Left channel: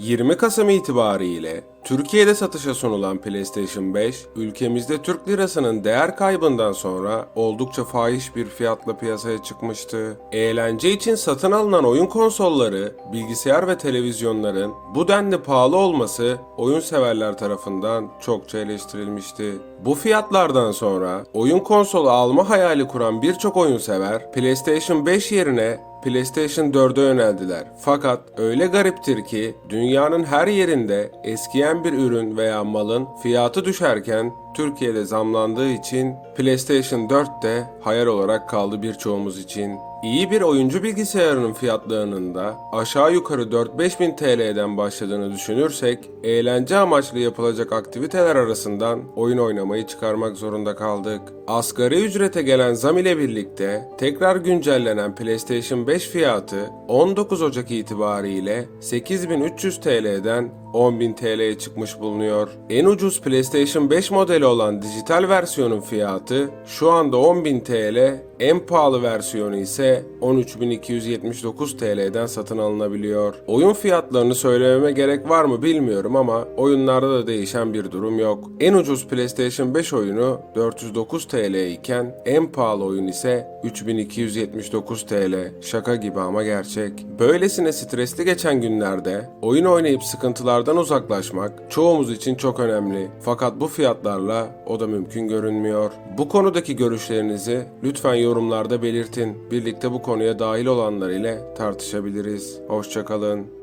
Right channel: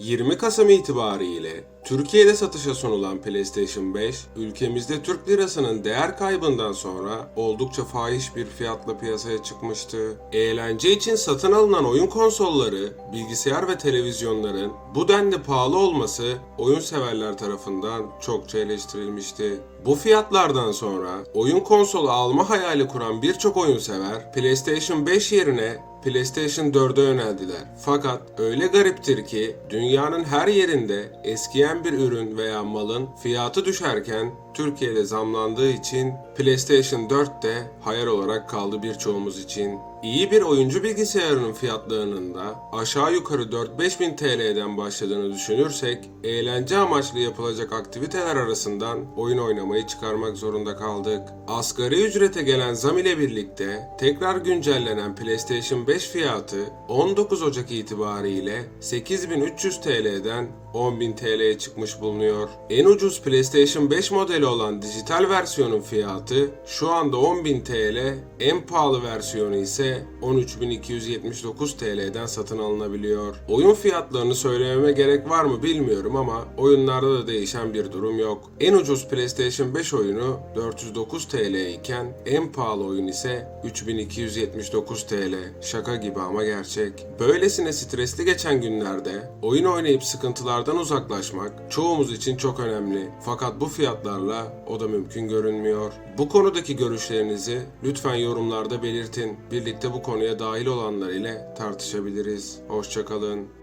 20 Kasım itibariyle Türkiye'de satışa sunulan PlayStation 5, ülkemizde Türk lirasının değer kaybından sonra oldukça fahiş bir fiyatla piyasaya çıkmıştı. Eğlence için satın alınan oyun konsolları, bilgisayar ve televizyonların bu denli pahalı olması oyun severler tarafından çokça eleştirilmişti. Bu fiyatlardan sonra oyun konsolu alma hayali kuran birçok oyun sever PlayStation 5 yerine PlayStation 4'e yöneldiler. Fakat öyle gariptir ki dünyanın her yerinde eskiyen bir ürün veya malın fiyatı düşerken Türkiye'de zamlandığı için PlayStation 4 de hayal olarak kaldı birçoğumuz için. İyi bir oyuncu bilgisayarının fiyatlarının da aşağı yukarı 4-5 bin TL'den başladığını düşünürsek eğlence amaçlı yapılacak aktiviteler arasından oyun oynamayı çıkarmak zorunda kaldık. Asgari ücrete gelen zam ile birlikte tekrar güncellenen PlayStation 5 fiyatı 19 Ocak itibariyle 8300 TL'den 10.000 TL'ye çıkmış bulunuyor. En ucuz PlayStation 5 modeli olan dijital versiyonun fiyatı şu anda 10.000 TL, en pahalı versiyonu ise 13.279 TL'den satın alınabiliyor. Oyun fiyatlarını söylememe gerek var mı bilmiyorum ama oyunlarda da değişen bir durum yok. En ucuz PlayStation 5 oyunu 409 TL iken en pahalı oyun ise 3279 TL. Şaka gibi ama gerçek. Böylesine stresli geçen günlerde oyun oynayıp sıkıntılardan uzaklaşmak çoğumuz için çok önemli. Fakat bu fiyatlarla o da mümkün görünmüyor. Bu konudaki görüşlerinizi lütfen yorumlarda belirtin. Birlikte bu konuya dahil olanlar ile tartışabiliriz. Hoşçakalın.